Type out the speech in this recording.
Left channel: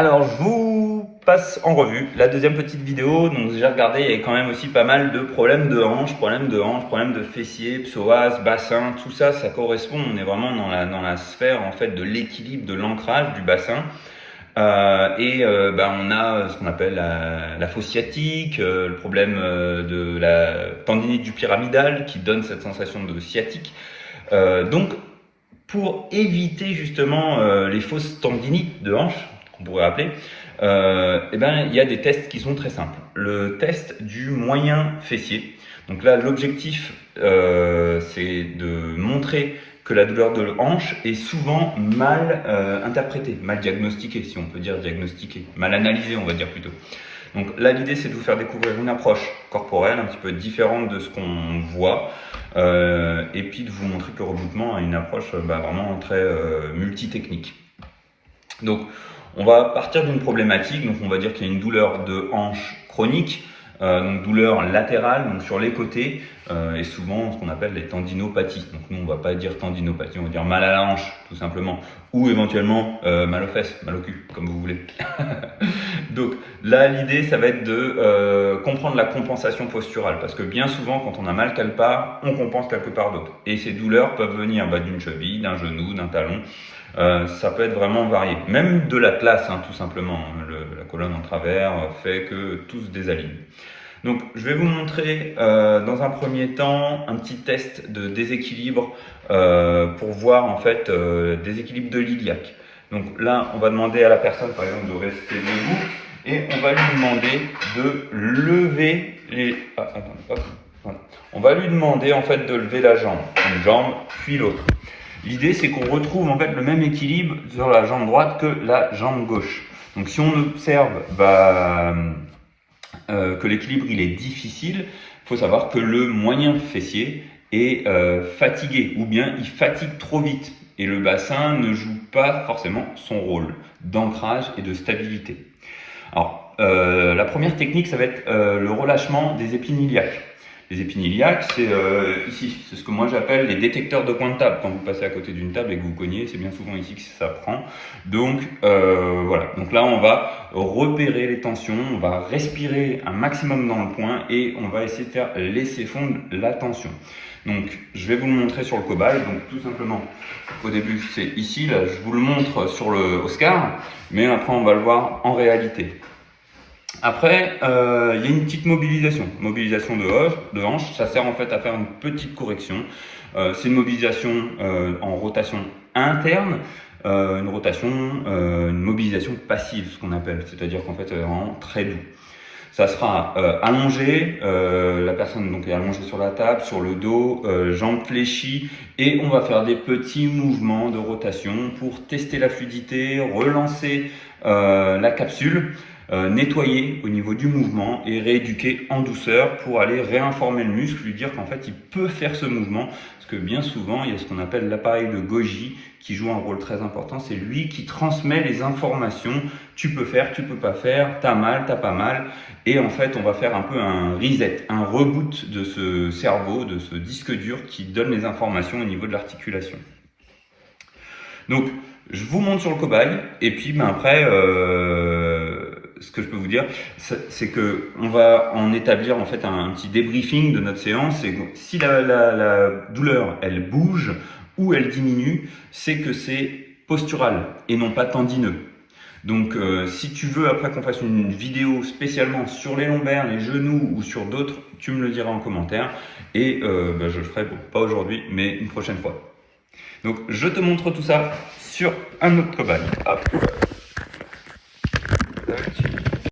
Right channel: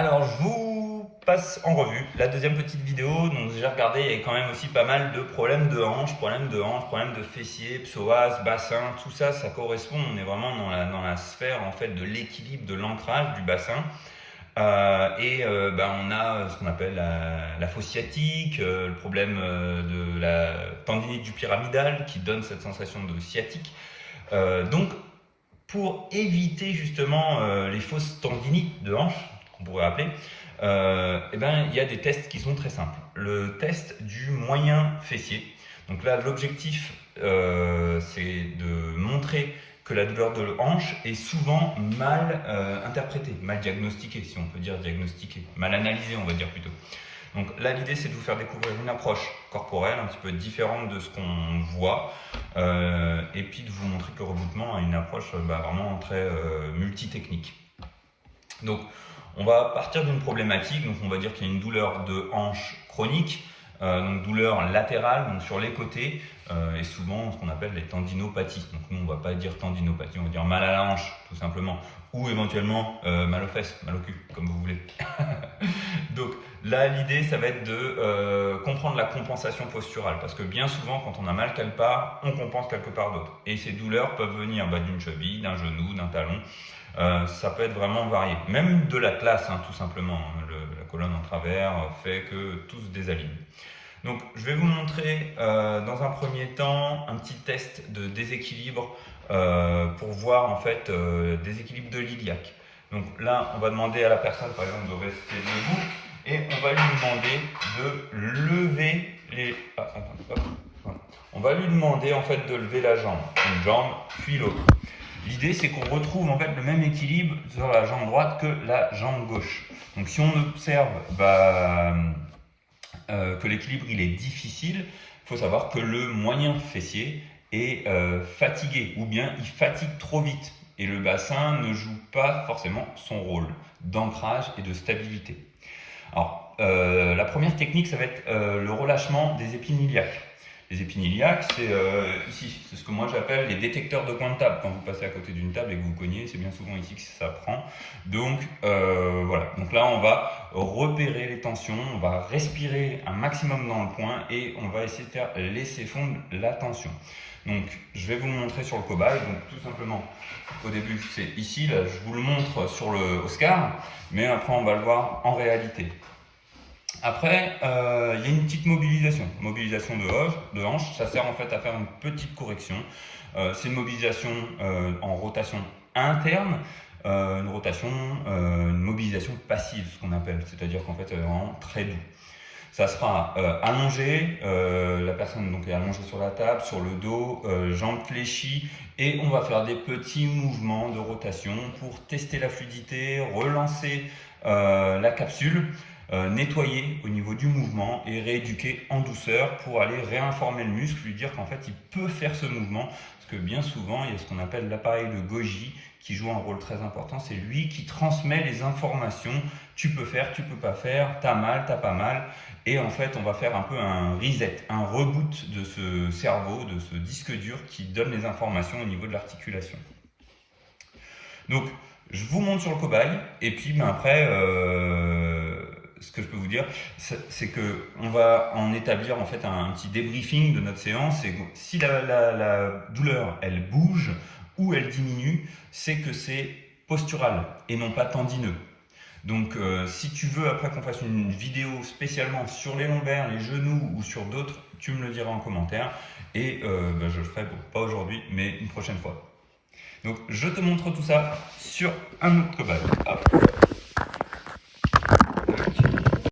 Alors, je vous passe en revue la deuxième petite vidéo. Donc, j'ai regardé, il y a quand même aussi pas mal de problèmes de hanches, problèmes de fessiers, psoas, bassin, tout ça, ça correspond. On est vraiment dans la sphère en fait de l'équilibre, de l'ancrage du bassin. On a ce qu'on appelle la fosse sciatique, le problème de la tendinite du pyramidal qui donne cette sensation de sciatique. Donc, pour éviter justement les fausses tendinites de hanche, qu'on pourrait appeler, il y a des tests qui sont très simples. Le test du moyen fessier. Donc là, l'objectif, c'est de montrer que la douleur de hanche est souvent mal interprétée, mal diagnostiquée, si on peut dire diagnostiquée, mal analysée, on va dire plutôt. Donc là, l'idée, c'est de vous faire découvrir une approche corporelle un petit peu différente de ce qu'on voit, et puis de vous montrer que le reboutement a une approche vraiment très multitechnique. Donc, on va partir d'une problématique, donc on va dire qu'il y a une douleur de hanche chronique, donc douleur latérale, donc sur les côtés, et souvent ce qu'on appelle les tendinopathies. Donc nous on va pas dire tendinopathie, on va dire mal à la hanche tout simplement, ou éventuellement mal aux fesses, mal au cul, comme vous voulez. Donc là l'idée ça va être de comprendre la compensation posturale, parce que bien souvent quand on a mal quelque part, on compense quelque part d'autre. Et ces douleurs peuvent venir d'une cheville, d'un genou, d'un talon. Ça peut être vraiment varié, même de l'atlas tout simplement, la colonne en travers fait que tout se désaligne. Donc je vais vous montrer dans un premier temps un petit test de déséquilibre pour voir en fait déséquilibre de l'iliaque. Donc là on va demander à la personne par exemple de rester debout et on va lui demander de lever les... voilà. On va lui demander en fait de lever la jambe, une jambe puis l'autre. L'idée, c'est qu'on retrouve en fait le même équilibre sur la jambe droite que la jambe gauche. Donc, si on observe que l'équilibre il est difficile, il faut savoir que le moyen fessier est fatigué ou bien il fatigue trop vite et le bassin ne joue pas forcément son rôle d'ancrage et de stabilité. Alors, la première technique, ça va être le relâchement des épines iliaques. Les épines iliaques, c'est ici, c'est ce que moi j'appelle les détecteurs de coin de table. Quand vous passez à côté d'une table et que vous cognez, c'est bien souvent ici que ça prend. Donc voilà, donc là on va repérer les tensions, on va respirer un maximum dans le point et on va essayer de faire laisser fondre la tension. Donc je vais vous le montrer sur le cobaye, donc tout simplement, au début c'est ici, là je vous le montre sur le Oscar, mais après on va le voir en réalité. Après, il y a une petite mobilisation de hanche, ça sert en fait à faire une petite correction. C'est une mobilisation en rotation interne, une mobilisation passive, ce qu'on appelle, c'est-à-dire qu'en fait, c'est vraiment très doux. Ça sera allongé, la personne donc est allongée sur la table, sur le dos, jambes fléchies, et on va faire des petits mouvements de rotation pour tester la fluidité, relancer la capsule. Nettoyer au niveau du mouvement et rééduquer en douceur pour aller réinformer le muscle, lui dire qu'en fait il peut faire ce mouvement, parce que bien souvent il y a ce qu'on appelle l'appareil de Golgi qui joue un rôle très important, c'est lui qui transmet les informations, tu peux faire, tu peux pas faire, t'as mal, t'as pas mal, et en fait on va faire un peu un reset, un reboot de ce cerveau, de ce disque dur qui donne les informations au niveau de l'articulation. Donc je vous montre sur le cobaye, et puis après ce que je peux vous dire, c'est que on va en établir en fait un petit débriefing de notre séance. Et si la douleur elle bouge ou elle diminue, c'est que c'est postural et non pas tendineux. Donc si tu veux après qu'on fasse une vidéo spécialement sur les lombaires, les genoux ou sur d'autres, tu me le diras en commentaire et je le ferai pas aujourd'hui mais une prochaine fois. Donc je te montre tout ça sur un autre cobaye. Hop.